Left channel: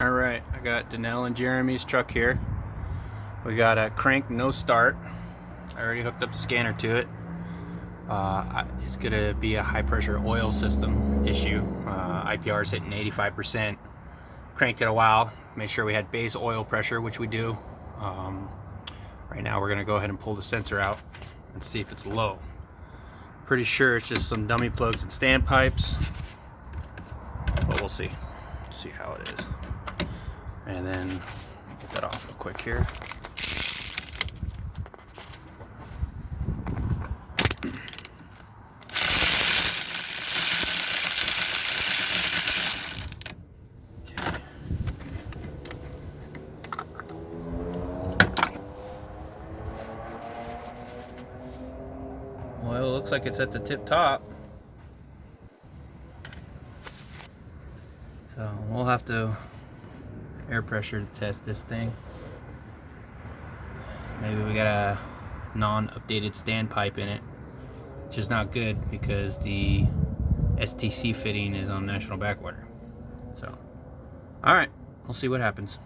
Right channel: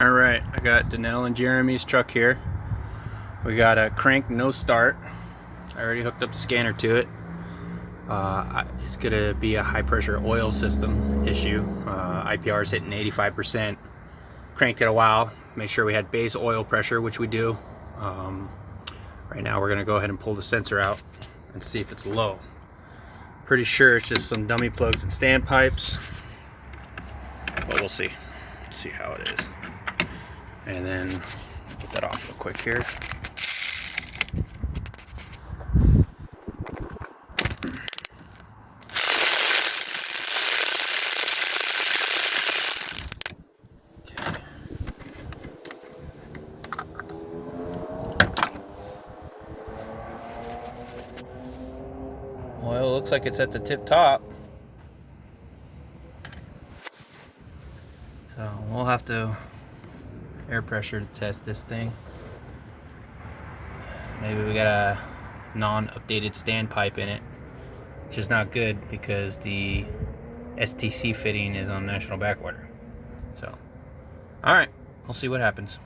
All right, I got Danelle and Jeremy's truck here. We got a crank no start. I already hooked up the scanner to it. It's gonna be a high pressure oil system issue. IPR is hitting 85%. Cranked it a while, made sure we had base oil pressure, which we do. Right now we're gonna go ahead and pull the sensor out and see if it's low. Pretty sure it's just some dummy plugs and standpipes, but we'll see. See how it is. And then put that off real quick here. Well, it looks like it's at the tip top. So we'll have to air pressure to test this thing. Maybe we got a non-updated standpipe in it, which is not good because the STC fitting is on national backwater. So, all right, we'll see what happens.